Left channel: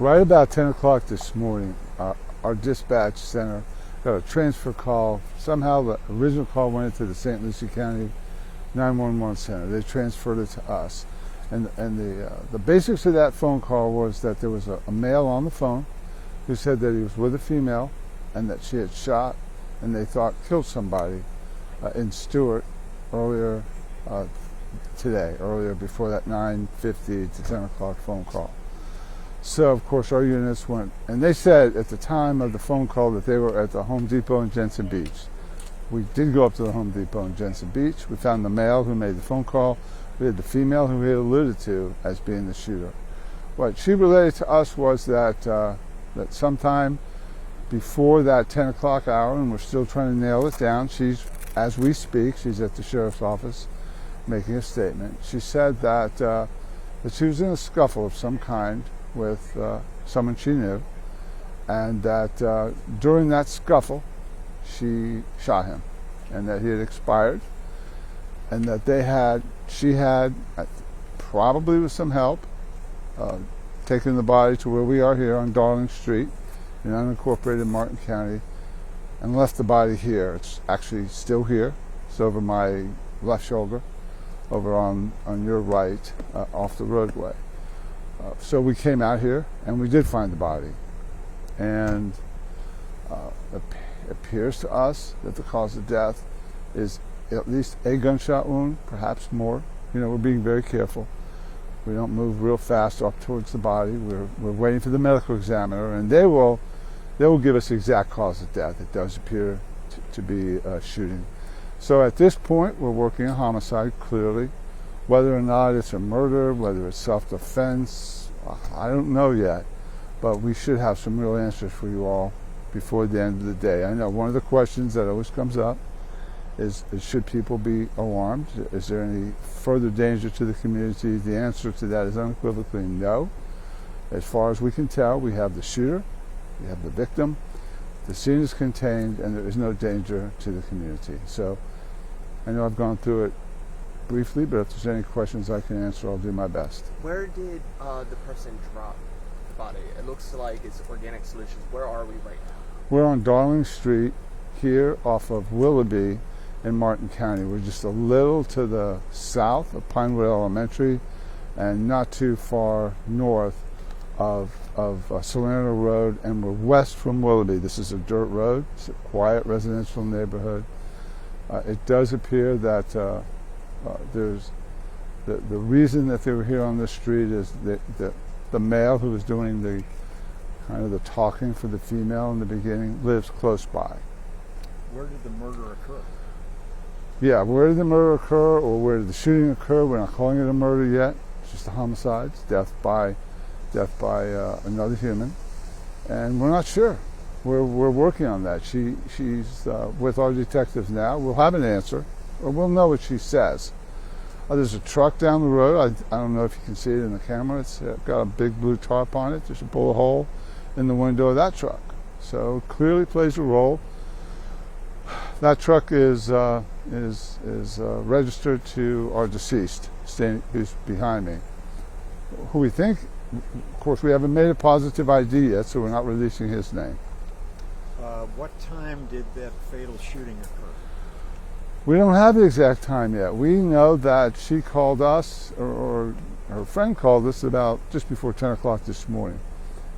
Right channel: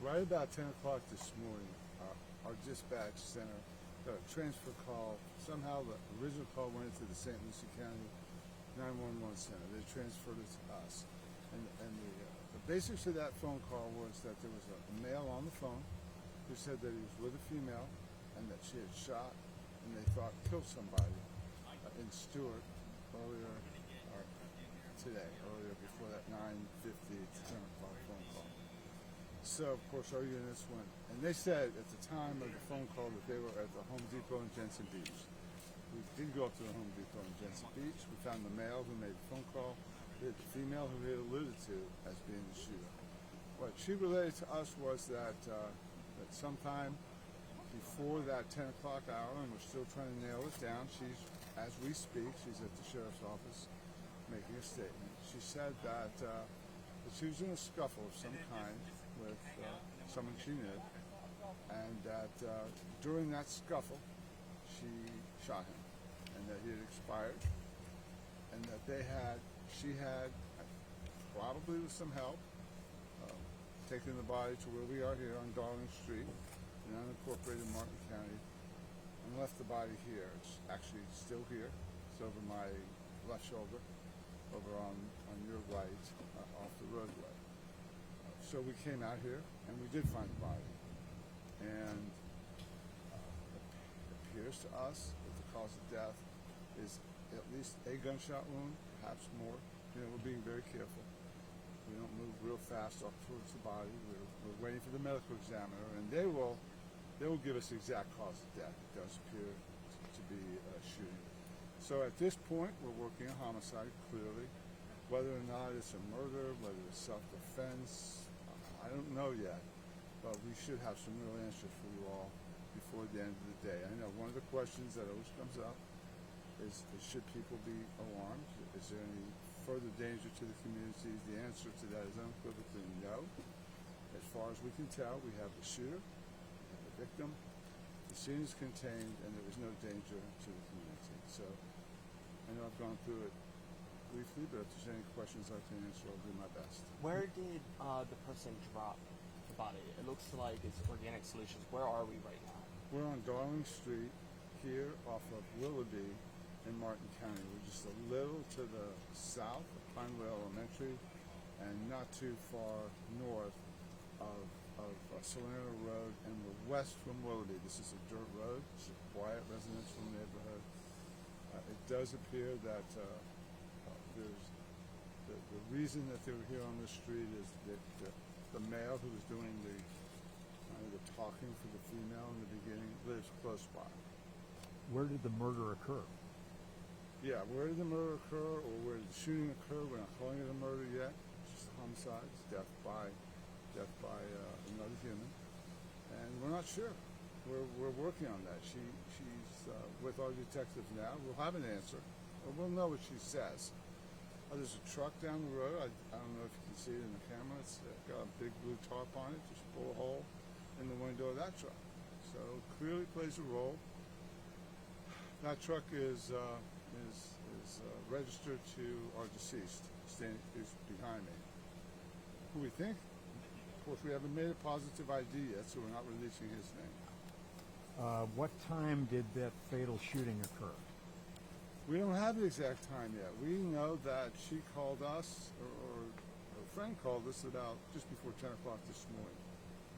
Right about 10 o'clock this morning, our dispatch center got a transfer call. Somehow the original call went into the St. Lucie County 911 center. They transferred it to us. And the basics of that phone call was that there was a male on the phone who said that he was with a female and that she had shot and they thought killed somebody in Stuart earlier before that 9:50 to 10 o'clock phone call. So, of course, our units went, and they said at the time of the phone call that they were at the Home Depot in Jensen Beach. We did go up to the Home Depot in Jensen Beach. We found the male who made the phone call. We had the female who we had alluded to as being the shooter. What she related to us was that that sometime before that 10 o'clock hour, and we're still trying to nail it down, as we speak, she's at the sheriff's office making a statement. She said that she was in a scuffle of some kind with someone she knew, and that during that scuffle she shot him, and that he had expired, and that she had probably with some help taken the body to where we are here on Darling Street in unincorporated Martin County and left the body here. It's actually still here. It's over my left shoulder, over on your right, off the roadway. So we came out here and we did find the body, and it appears to us that the cause of death is at least a gunshot wound, perhaps more. You know, we're being very careful. We don't move real fast up towards the body. We're waiting for the medical examiner, and they will give us the exact cause of death. It does appear to be a shooting. So at this point, we're working a homicide, clearly. Whether or not it's a murder, whether it's self-defense, I don't know yet. But we should have some real answers for you all before the end of the day. I know one of the questions that always comes up is should people be alarmed? Is there any further danger to the community? The answer to that is unequivocally no. As far as we can tell, we have the shooter, we have the victim, the scene is contained, and there is no danger to the community. So I know I've gone through it briefly, but if there's any questions I can answer, I'll do my best. Where did the person drop the body? It looks like it's Organic Solutions. Where are we right now? We're on Darling Street here off of Willoughby in Martin County. We're just a little to the south of Pinewood Elementary and not too far north of Salerno Road, and we're west from Willoughby. This is a dirt road. It's a quiet residential neighborhood. It does appear that there's the reason that they were here on this street is that the male who was doing the kind of the talking for the female in the beginning lives close by. Where did the murder occur? Yeah, where did the murder occur, or where did the shooting occur? We're not calling it a murder yet. It's just a homicide. It's death by another human, and we're not sure. We're working on that. She's with our detectives now. We'll have an answer, or we'll know what she says. There's a truck down the road. I don't know if you can see it in the camera. It's got a big blue tarp on it. There's a bullet hole in the window of that truck, so it clearly plays a role. That truck is registered to our deceased, who's behind me, who we think, of course, we haven't made a positive ID yet, so we're not releasing his name. What time did that fatal shooting occur? We don't have the exact time yet. We know that she called us, or her friend called us about just before 10 o'clock this morning.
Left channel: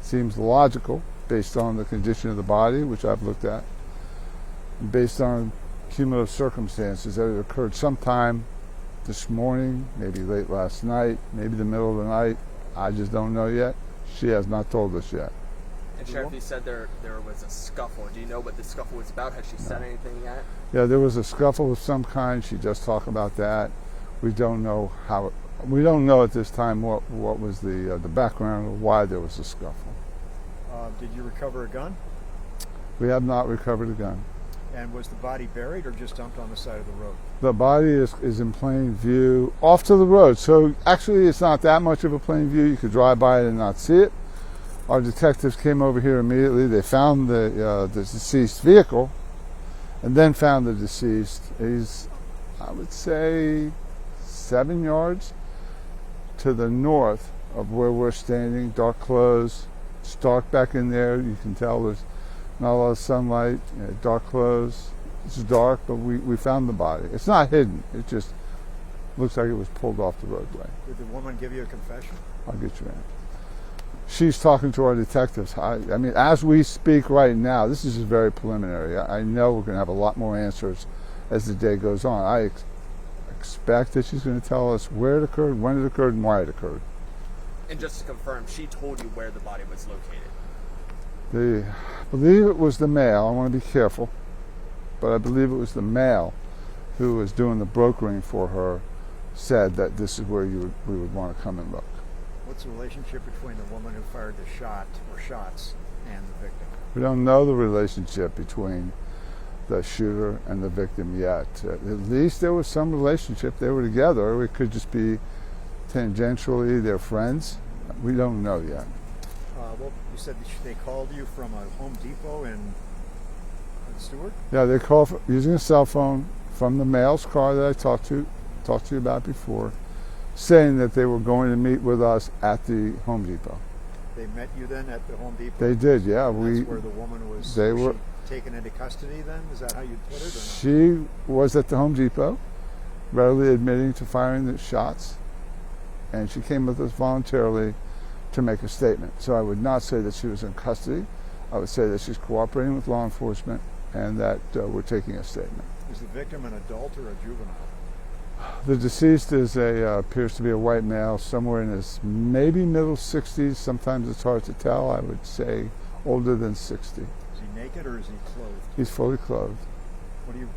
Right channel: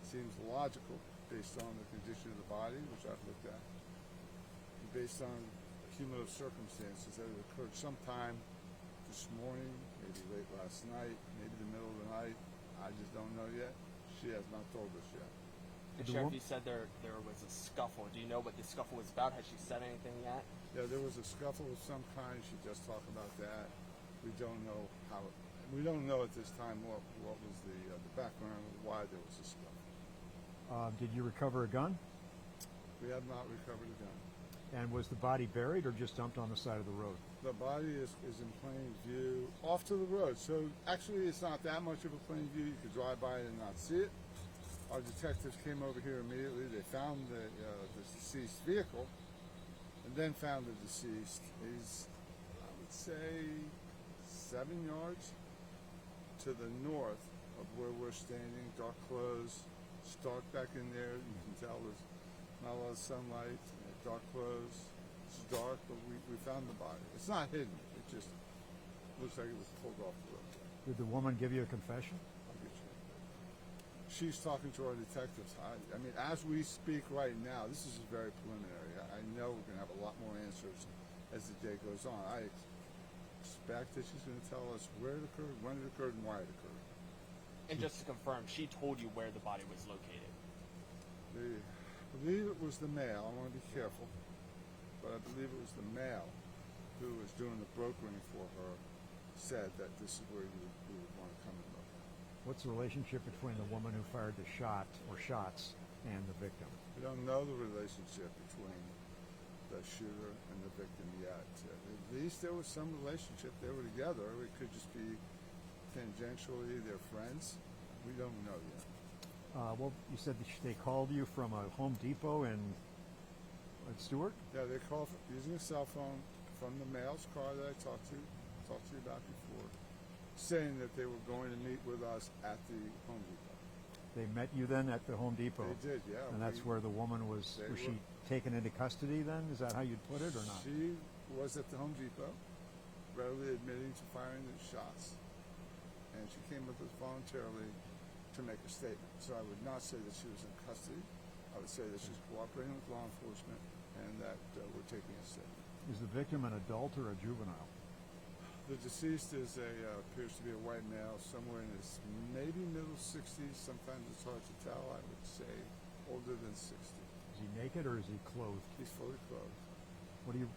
Seems logical based on the condition of the body, which I've looked at, based on cumulative circumstances, that it occurred sometime this morning, maybe late last night, maybe the middle of the night. I just don't know yet. She has not told us yet. And Sheriff, you said there was a scuffle. Do you know what the scuffle was about? Has she said anything yet? Yeah, there was a scuffle of some kind. She just talked about that. We don't know we don't know at this time what was the background or why there was a scuffle. Did you recover a gun? We have not recovered a gun. And was the body buried or just dumped on the side of the road? The body is in plain view off to the road. So actually it's not that much of a plain view. You could drive by it and not see it. Our detectives came over here immediately. They found the deceased vehicle and then found the deceased. He's, I would say, 7 yards to the north of where we're standing, dark clothes, It's dark back in there. You can tell there's not a lot of sunlight. Dark clothes. It's dark, but we found the body. It's not hidden. It just looks like it was pulled off the roadway. Did the woman give you a confession? I'll get you in. She's talking to our detectives. I mean, as we speak right now, this is just very preliminary. I know we're going to have a lot more answers as the day goes on. I expect that she's going to tell us where it occurred, when it occurred, and why it occurred. And just to confirm, she told you where the body was located? I believe it was the male. I want to be careful, but I believe it was the male who was doing the brokering for her, said that this is where we would want to come and look. What's the relationship between the woman who fired the shot or shots and the victim? We don't know the relationship between the shooter and the victim yet. At least there was some relationship. They were together. It could just be tangentially they're friends. We don't know yet. Well, you said that they called you from a Home Depot in Stuart? Yeah, they called using a cell phone from the male's car that I talked to you about before, saying that they were going to meet with us at the Home Depot. They met you then at the Home Depot? They did, yeah. That's where the woman was. They was were she taken into custody then? Is that how you put it? Or not? She was at the Home Depot, readily admitting to firing the shots, and she came with us voluntarily to make a statement. So I would not say that she was in custody. I would say that she's cooperating with law enforcement and that we're taking a statement. Is the victim an adult or a juvenile? The deceased is appears to be a white male, somewhere in his maybe middle 60s. Sometimes it's hard to tell. I would say older than 60. Is he naked or is he clothed? He's fully clothed.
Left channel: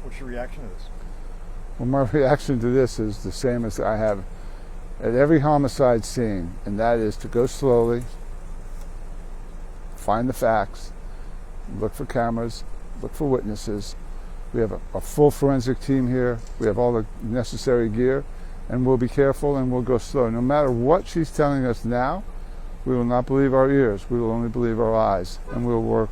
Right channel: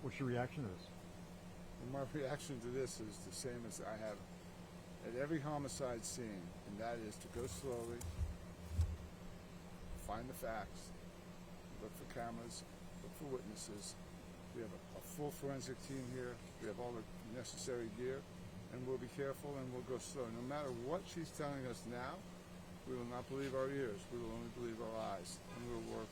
What's your reaction to this? Well, my reaction to this is the same as I have at every homicide scene, and that is to go slowly, find the facts, look for cameras, look for witnesses. We have a full forensic team here. We have all the necessary gear, and we'll be careful and we'll go slow. No matter what she's telling us now, we will not believe our ears. We will only believe our eyes, and we'll work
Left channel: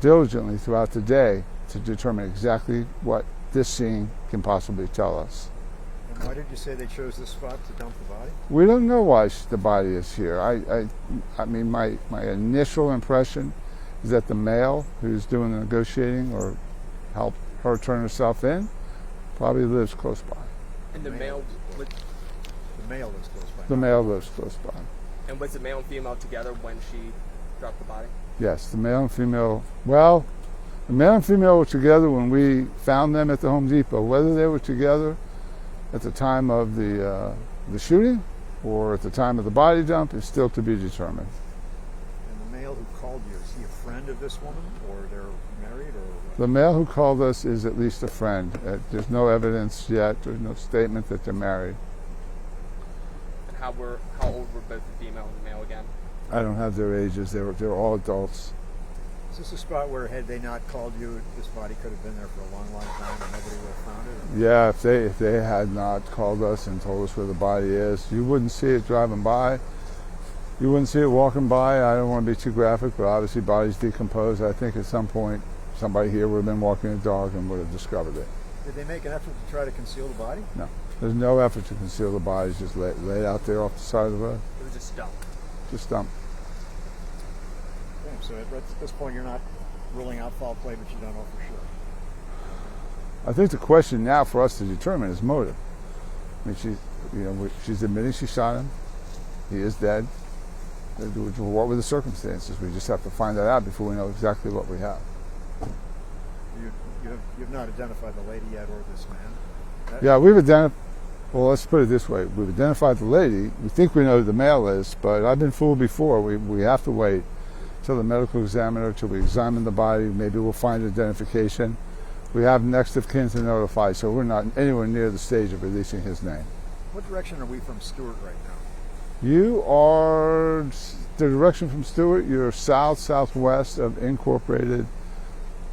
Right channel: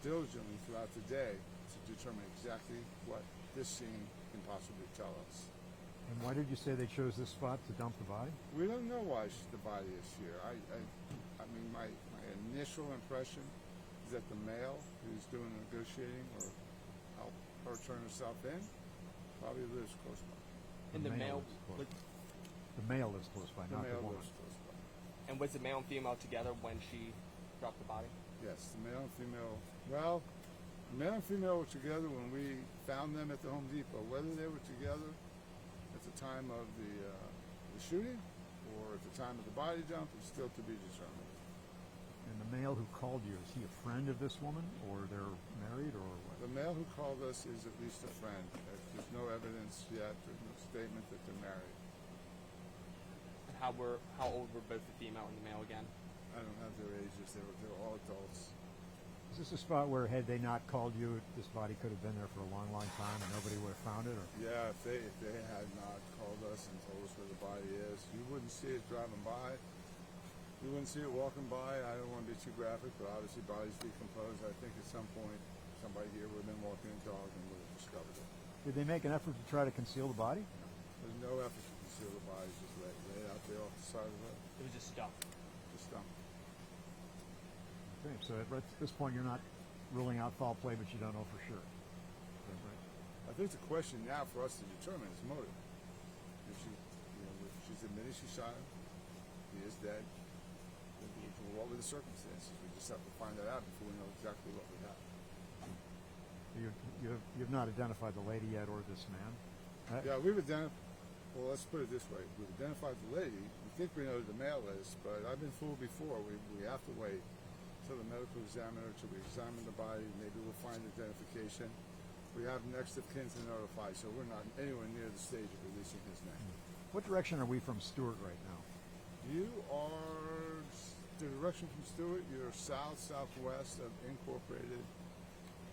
diligently throughout the day to determine exactly what this scene can possibly tell us. And why did you say they chose this spot to dump the body? We don't know why the body is here. I mean, my initial impression is that the male who's doing the negotiating or helped her turn herself in probably lives close by. And the male lives close by. The male lives close by. And was the male and female together when she dropped the body? Yes, the male and female. Well, the male and female were together when we found them at the Home Depot. Whether they were together at the time of the shooting or at the time of the body dump is still to be determined. And the male who called you, is he a friend of this woman, or they're married, or what? The male who called us is at least a friend. There's no evidence yet. There's no statement that they're married. And how old were both the female and the male again? I don't have their ages. They're all adults. Is this a spot where, had they not called you, this body could have been there for a long, long time and nobody would have found it? Or? Yeah, if they had not called us and told us where the body is, you wouldn't see it driving by. You wouldn't see it walking by. I don't want to be too graphic, but obviously bodies decompose. I think at some point somebody here would have been walking a dog and would have discovered it. Did they make an effort to try to conceal the body? No. There's no effort to conceal the bodies, just laid out there off the side of the road. It was just dumped. Just dump. Okay, so at this point you're not ruling out foul play, but you don't know for sure. I think the question now for us to determine is motive. I mean, she's admitting she shot him. He is dead. What were the circumstances? We just have to find that out before we know exactly what we have. You've not identified the lady yet or this man? Yeah, we've identified. Well, let's put it this way: we've identified the lady. We think we know who the male is, but I've been fooled before. We have to wait till the medical examiner, till we examine the body. Maybe we'll find identification. We have next of kin to notify, so we're not anywhere near the stage of releasing his name. What direction are we from Stuart right now? You are the direction from Stuart. You're southwest of incorporated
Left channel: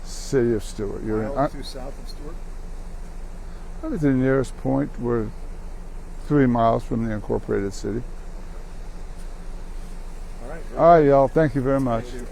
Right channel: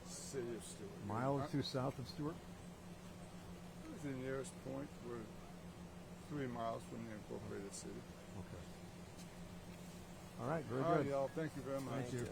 city of Stuart. You're Mile or two south of Stuart? Probably the nearest point. We're 3 miles from the incorporated city. All right. All right, y'all. Thank you very much. Thank you.